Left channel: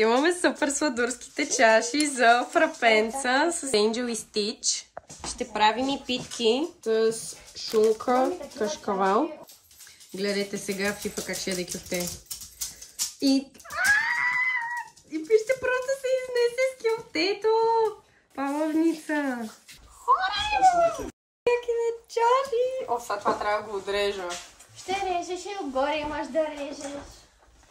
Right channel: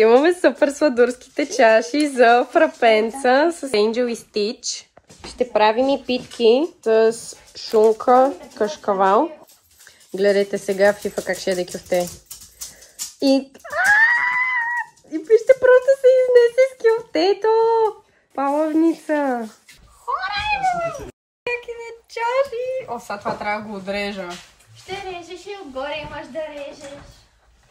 Имаме супер сладурските чаши за фрапенца с Angel и Stitch. Ще правим и питки с шунка, кашкавал. Гледайте сега Фифа как ще яде кюфте. И вижте, просто се изнесе с кюфтето. Палавница. Какви чаши. О, сега това трябва да го отрежа. Ще режеш и отгоре имаш да режеш.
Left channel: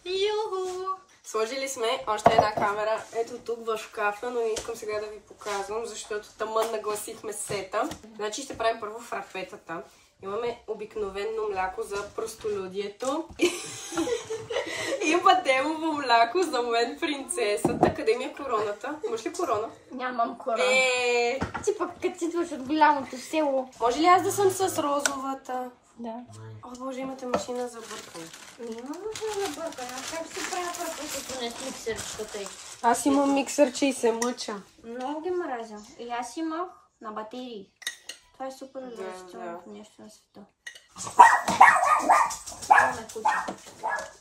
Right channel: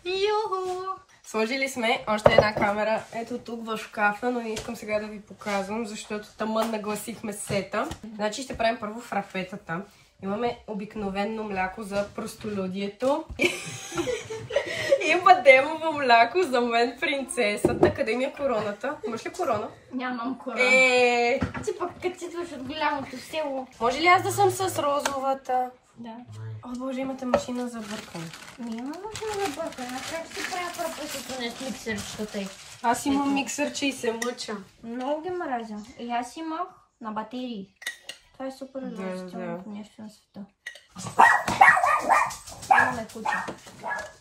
Юху! Сложили сме още една камера ето тук в шкафа, но не искам сега да ви показвам, защото тъмън нагласихме сета. Значи ще правим първо фрапетата. Имаме обикновено мляко за простолюдието и бадемово мляко за мен принцесата. Къде ми е короната? Имаш ли корона? Нямам корона. Ти пък като си идваш от голямото село. Може ли аз да съм с розовата? Да. О, Боже, имате машина за бъркане. Няма машина за бъркане. Как си правя фрапетата на миксерчката й? Аз имам миксърче и се мъча. Много ги мразя. И аз имах на батерии. Това е супер удоволствителното нещо на света. Имаме куча.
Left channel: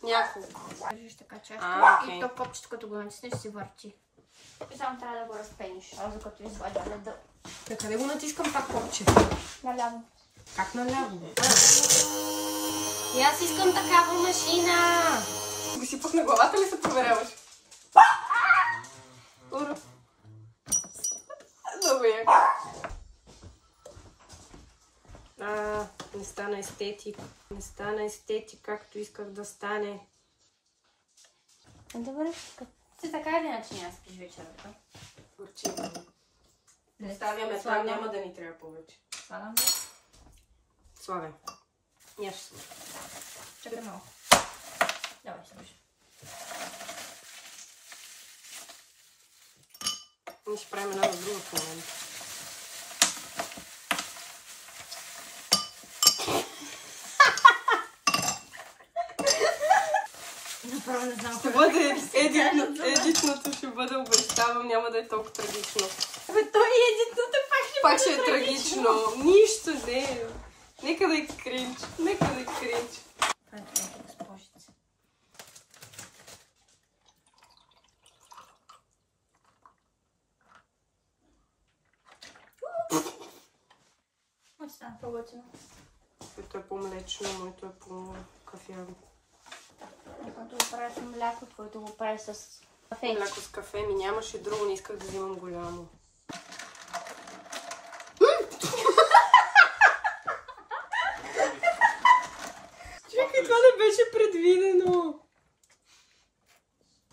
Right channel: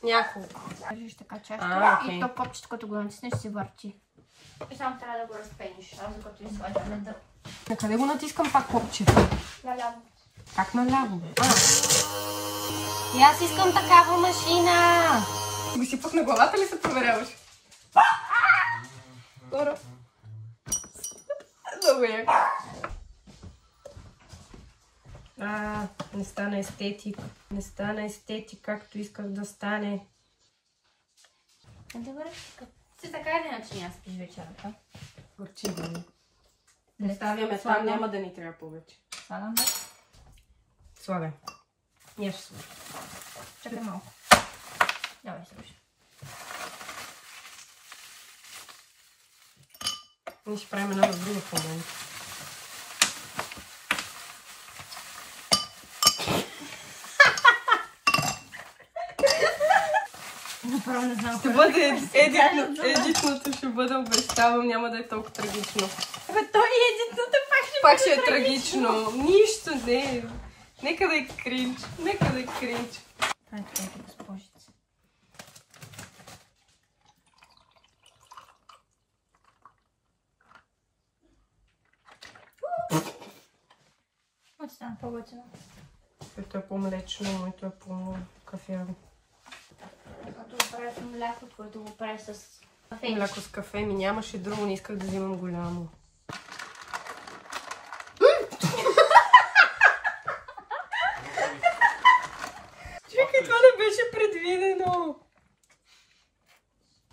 Няколко. Кажеш така чашка окей. и то копчето, като го натиснеш, се върти. И само трябва да го разпениш. Аз докато извадя да. На къде го натискам пак копче? Наляво. Как наляво, бе? И аз искам такава машина! Го си пусна главата ли се проверяваш? Скоро. Много яко. Не стана естетик. Не стана естетик, както исках да стане. Добре, ти така или иначе няма спиш вечерата? Горчи да ми. Не ставяме там, няма да ни трябва повече. Слагаме? Слагай. Я ще слагам. Чакай малко. Давай, слушай. Ние ще правим една друга в момента. Направо не знам. Ще бъде едитното, ще бъде, обещавам, няма да е толкова трагично. Той едитното Пак ще е трагично. Нищо не. Нека да е кринч. Нека да е кринч. Ето, госпожица. Остана по-готино. Което е по-млечно, моето е по-кафяво. Когато го правя с мляко, което го правя с кафе. Мляко с кафе ми нямаше друго, не исках да взимам голямо. Чакай, това не беше предвидено.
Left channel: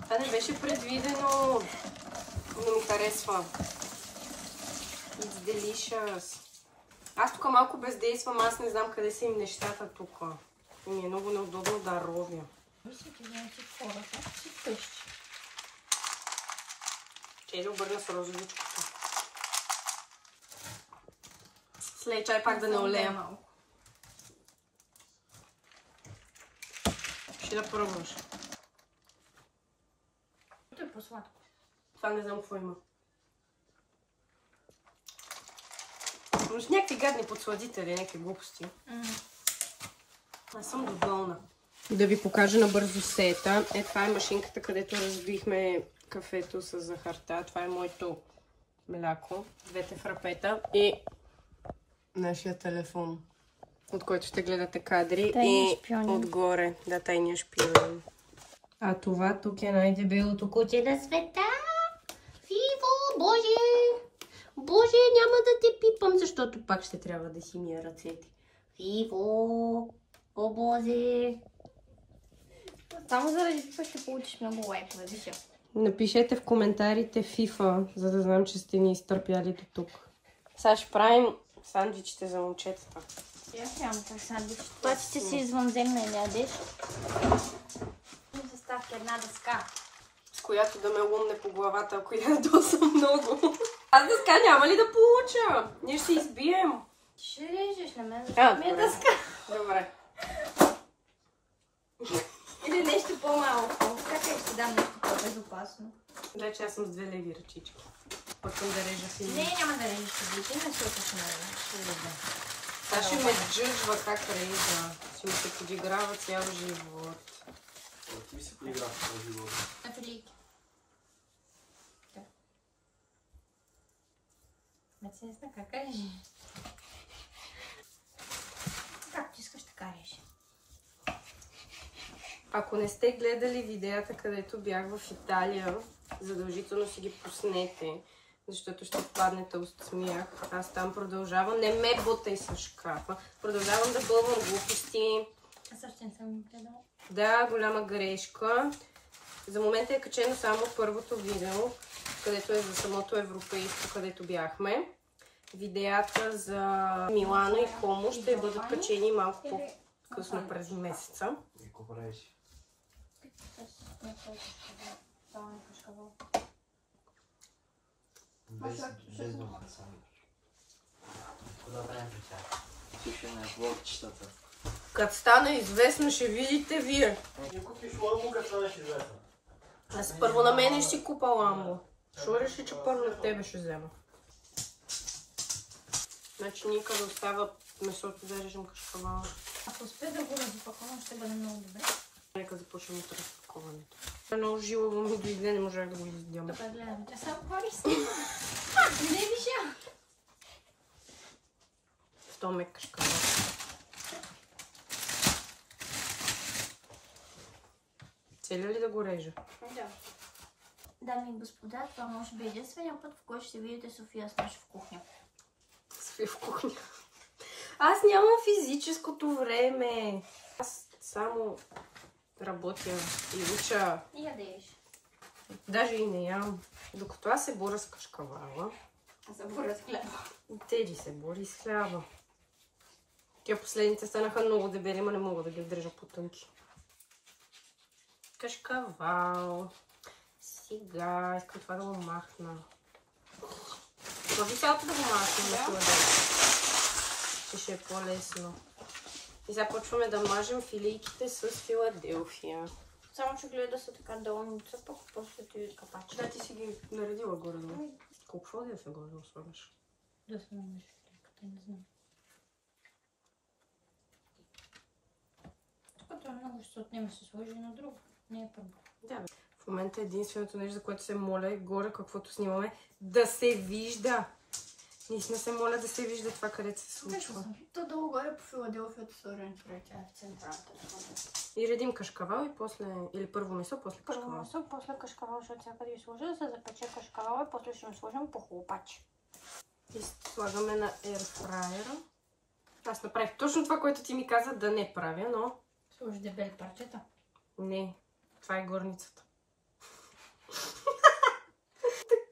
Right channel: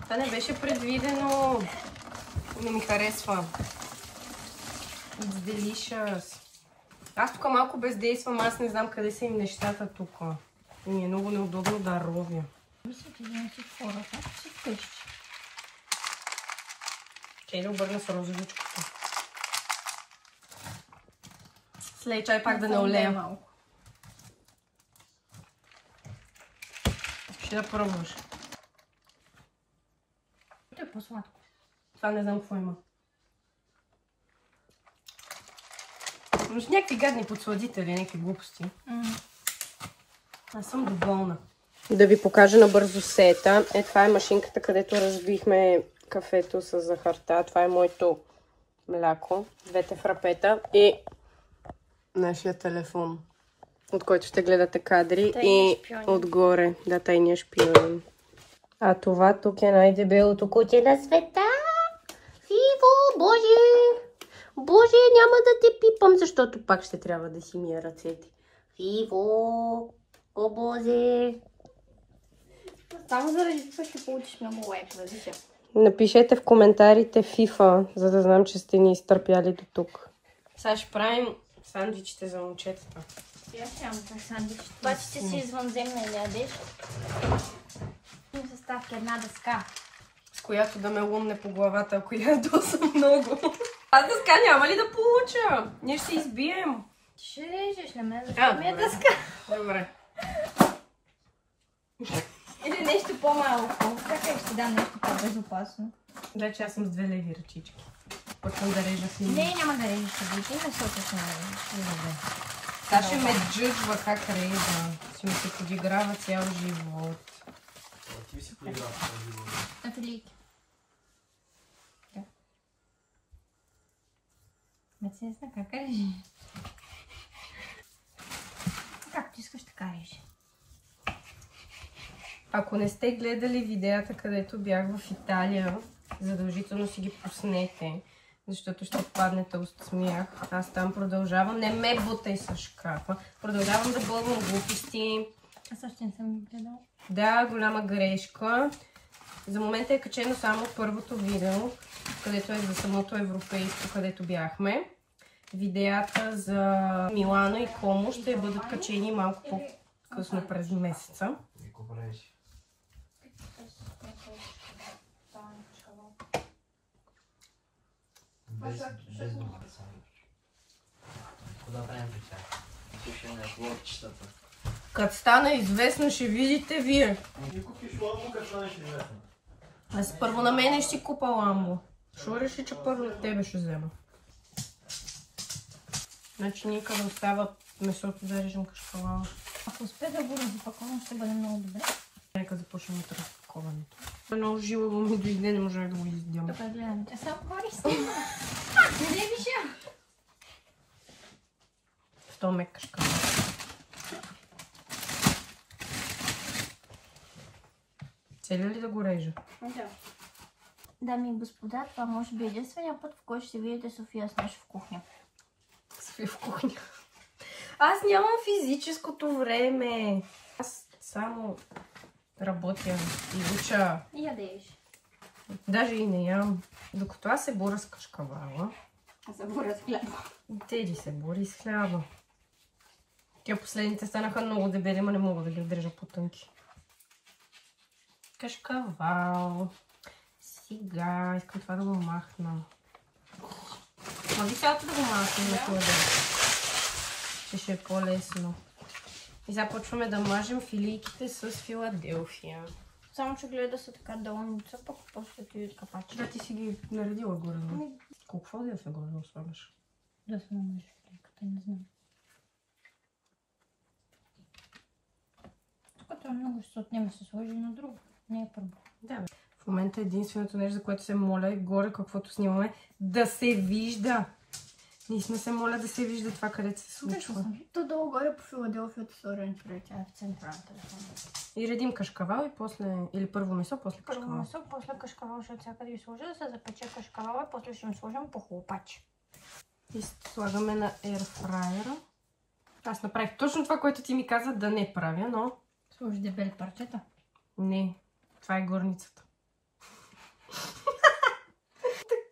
Това не беше предвидено. Не ми харесва. It's delicious. Аз тук малко бездействам, аз не знам къде са им нещата тук. И ми е много неудобно да ровя. Мисля, че взимате хората, си вкъщи. Чай да обърна с розовичкото. След чай пак да не олея малко. Ще да пробваш. Това е по-сладко. Това не знам какво има. Може някакви гадни подсладители, някакви глупости. Аз съм доволна. Да ви покажа набързо сета. Това е машинката, където разбихме кафето с захарта. Това е моето мляко. Двете фрапета и нашия телефон, от който ще гледате кадри. И отгоре. Да, тайния шпионин. А това тук е най-дебелото кутие на света. Фиво, Боже! Боже, няма да те пипам, защото пак ще трябва да си мия ръцете. Фиво! О, Боже! Само заради това ще получиш много лайкове, вижда. Напишете в коментарите FIFA, за да знам, че сте ни изтърпяли до тук. Сега ще правим сандвичите за момчетата. Аз нямам това сандвич. Това ще си извънземна и не ядеш. Заставка една дъска. С която да ме лумне по главата, ако ядосам много. Аз дъска няма ли да получа? Ние ще се избием. Ти ще режеш на мен, защото ми е дъска. Добре. Или нещо по-малко. Как ще дам нещо по-безопасно? Вече аз съм с 2 леви ръчички. Почвам да режа си. Не, няма да режеш събитие, защото съм Добре. Сега ще ме джъджва как режа. Ще ми се подиграва цял живот. Ти си подиграва цял живот. Афилийки. си не знам как режи. Както искаш, така режи. Ако не сте гледали видеята, където бях в Италия, задължително си ги пуснете, защото ще паднете от смях. Аз там продължавам. Не ме бутай с шкафа. Продължавам да бълвам глупости. Аз още не съм гледала. Да, голяма грешка. За момента е качено само първото видео, където е за самото европейско, където бяхме. Видеята за Милано и Комо ще бъдат качени малко по-късно през месеца. Като стана известна, ще видите вие. Аз първо на мене ще си купа ламбо. Шо реши, че първо на тебе ще взема? Значи нека да остава месото да режем кашкавала. Ако успея да го разпакувам, ще бъде много добре. Нека започнем от разпаковането. Много жилаво ми дойде, не можах да го издям. Добре, гледам. Тя само корист. Не вижда. В то мек кашкавала. Цели ли да го режа? Да. Дами и господа, това може би единствения път, в който ще видите София с наш в кухня. София в кухня. Аз нямам физическото време. Аз само работя и уча. И ядеш. Даже и не ям. Докато аз се боря с кашкавала. За боря с хляба. Теди се бори с хляба. Тя последните станаха много дебели, но не мога да ги държа по-тънки. Кашкавал. Сега искам това да го махна. Може цялото да го махна. Ще е по-лесно. И започваме да мажем филийките с Филаделфия. Само че гледа да са така долница, пък после ти капачи. Да, ти си ги наредила горе. Колко да се горе да слагаш? Да се намажи филийката, не знам. Тук това много ще се отнема, се сложи на друго. Не е първо. Да, бе. В момента единственото нещо, за което се моля е горе, каквото снимаме, да се вижда. Ние сме се моля да се вижда това, където се случва. То долу горе по Филаделфията сложен човек, тя е в централата. И редим кашкавал и после, или първо месо, после Първо кашкавал. месо, после кашкавал, защото сега като ги сложи да се запече кашкавала, после ще им сложим по хлопач. И слагаме на ерфрайера. Аз направих точно това, което ти ми каза да не правя, но... Сложи дебели парчета. Не, това е горницата.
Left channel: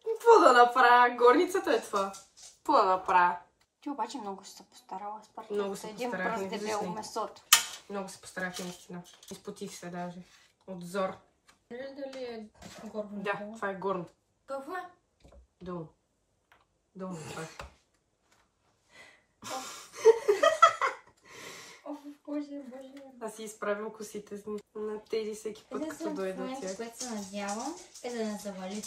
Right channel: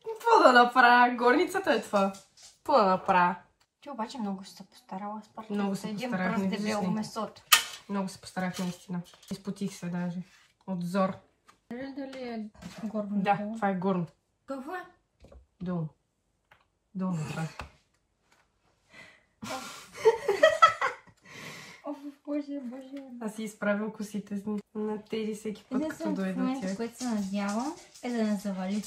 Какво да направя? Горницата е това. Какво да направя? Ти обаче много ще се постарала с парчета. Много се един постарах, пръст не дебело виждам. месото. Много се постарах наистина. Изпотих се даже. От зор. Дали е горно? Да, това е горно. Какво е? Долу. Долу това е. Боже, боже. Аз си изправям косите на тези всеки път, като дойда момента, тях. с което се надявам, е да не завали.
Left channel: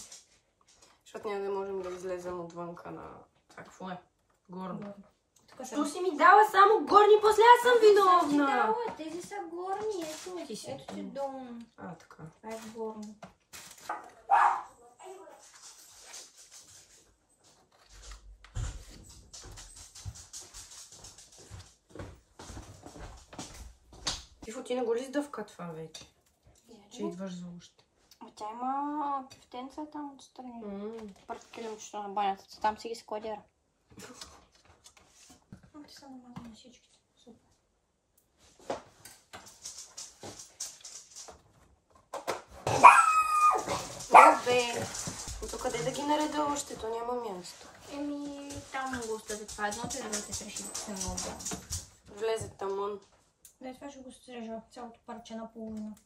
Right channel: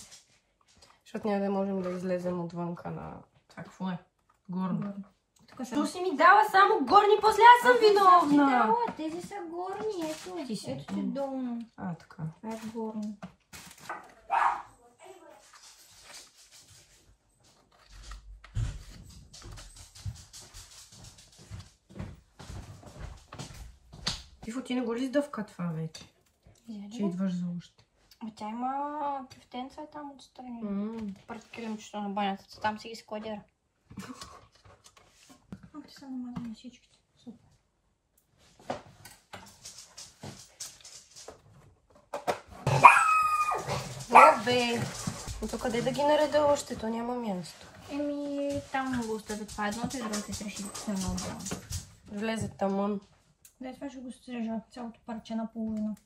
Защото няма да можем да излезем отвънка на... Това какво е? Горно. Тук Що си ми дала само горни, после аз съм виновна! Да, тези са горни, ето ти долно. А, така. Това е горно. Тифо, ти не го ли издъвка това вече? Че идваш за още. Тя има кифтенца там отстрани. Пред килимчето на банята. Там си ги складира. Ти са намазани всичките. Супер. Бе! И то къде да ги нареда още? То няма място. Еми, там го остави това едното и другото се реши да се Влезе тамън. Да, това ще го стрижа цялото парче на половина.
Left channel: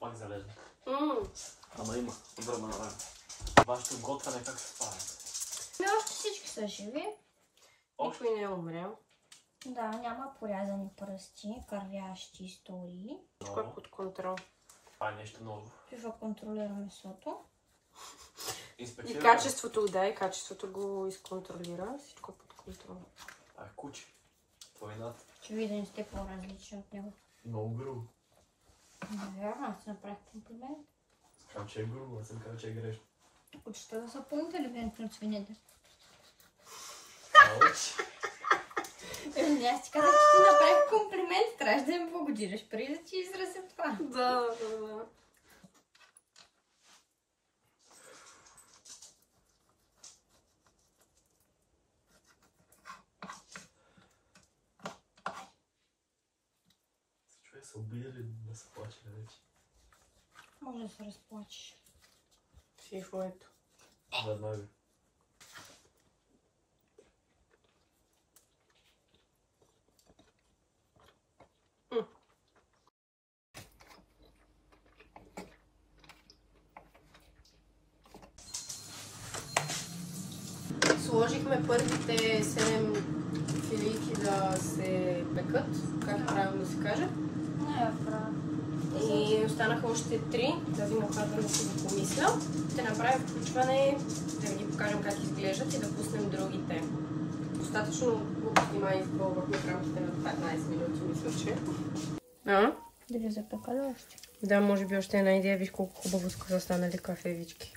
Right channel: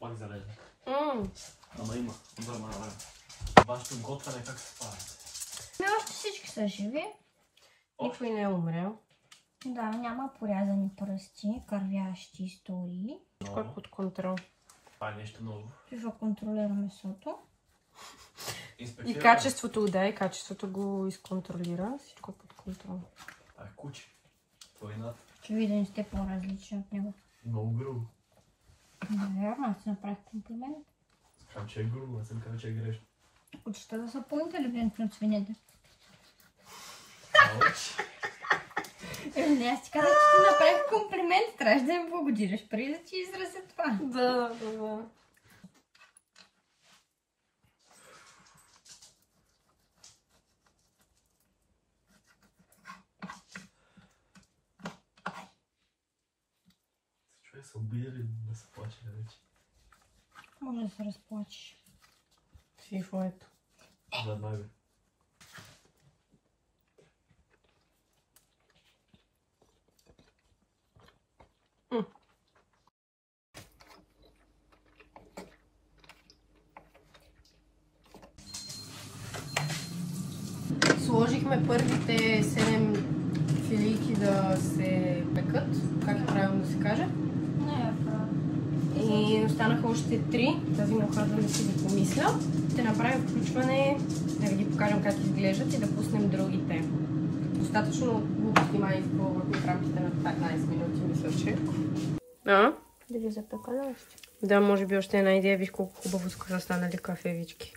Пак залезна. Ама има. Време. Вашето готване как се пара? Още всички са живи. Никой не е умрял. Да, няма порязани пръсти, кървящи истории. Всичко е под контрол. Това е нещо ново. Ще контролира месото. И качеството, да, и качеството го изконтролира. Всичко е под контрол. Това е куче. Войната. Очевидно сте по-различни от него. Много грубо. Да, аз си направих комплимент. Казвам, че е грубо, не съм казал, че е грешно. Учите да са по-интелигентни от свинете. Еми, аз ти казах, че ти направих комплимент, трябваше да им благодариш преди да ти изразя това. Да. Човек се обиди ли да се плаче вече? Може да се разплачеш. Сифоето. Веднага. Сложихме първите 7 филийки да се пекат, как правилно да се каже. Не, И останаха още 3. Тази на първо да си да помисля. Ще направим включване, да ви ги покажем как изглеждат и да пуснем другите. Достатъчно глупо снимай в рамките на 15 минути, мисля, че. А? Да ви запека ли още? Да, може би още една идея. Виж колко хубаво са станали кафевички.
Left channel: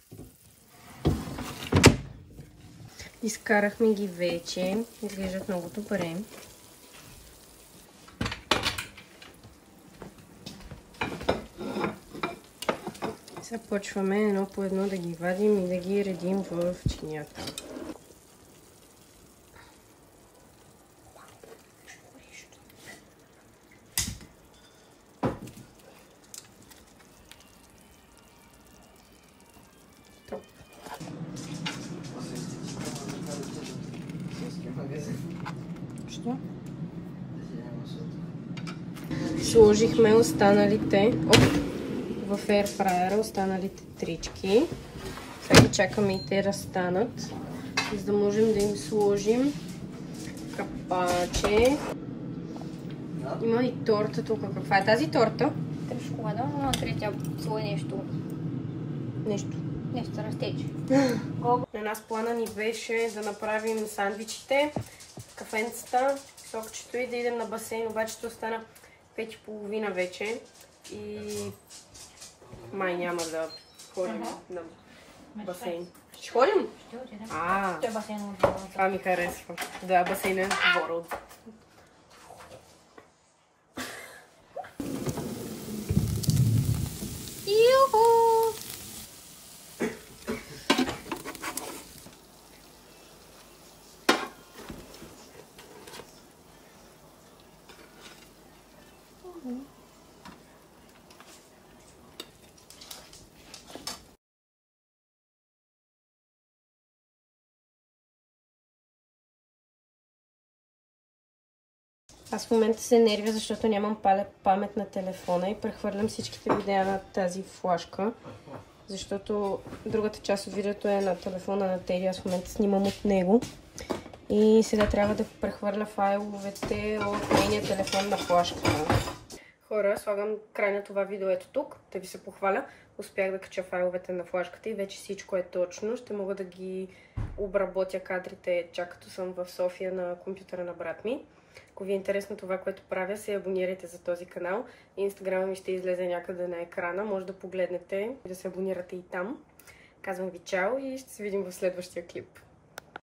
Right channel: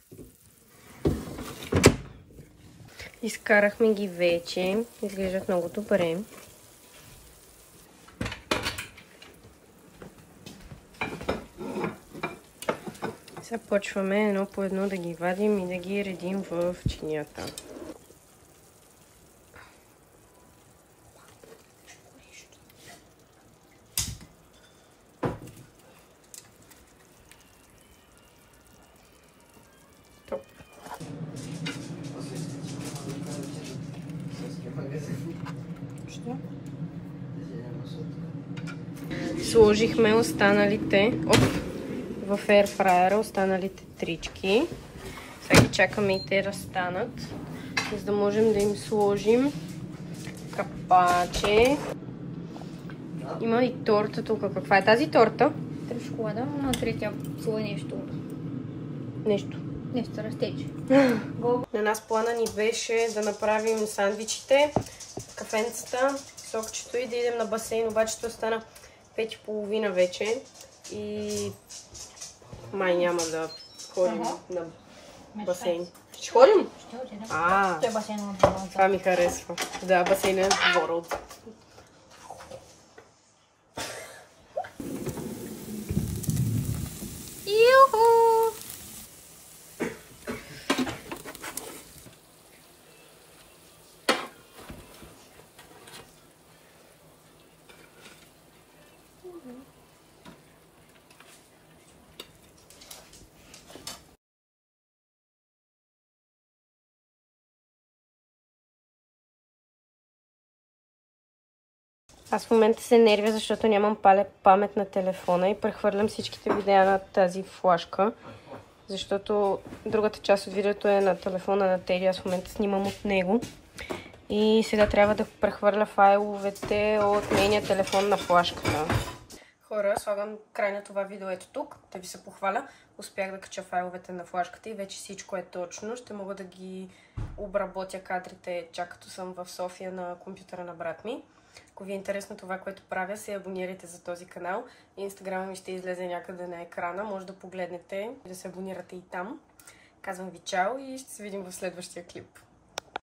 Изкарахме ги вече. Изглеждат много добре. Сега почваме едно по едно да ги вадим и да ги редим в чинията. Що? Сложихме останалите в ерфрайера, останалите трички. Сега чакаме и те разстанат, за да можем да им сложим капаче. Има и торта тук. Каква е тази торта? Към шоколада, но третия цело нещо. Нещо. Нещо растече. На нас плана ни беше да направим сандвичите, кафенцата, сокчето и да идем на басейн, обаче ще остана 5:30 вече и май няма да ходим на басейн. Ще ходим? Ще отидем. Той е басейн на двора отзад. Това ми харесва. Да, басейн е в двора отзад. Аз в момента се нервя, защото нямам памет на телефона и прехвърлям всичките видеа на тази флашка, защото другата част от видеото е на телефона на Теди, аз в момента снимам от него и сега трябва да прехвърля файловете от нейния телефон на флашката. Хора, слагам край на това видео ето тук, да ви се похваля. Успях да кача файловете на флашката и вече всичко е точно. Ще мога да ги обработя кадрите, чак като съм в София на компютъра на брат ми. Ако ви е интересно това, което правя, се абонирайте за този канал. Инстаграма ми ще излезе някъде на екрана. Може да погледнете и да се абонирате и там. Казвам ви чао и ще се видим в следващия клип.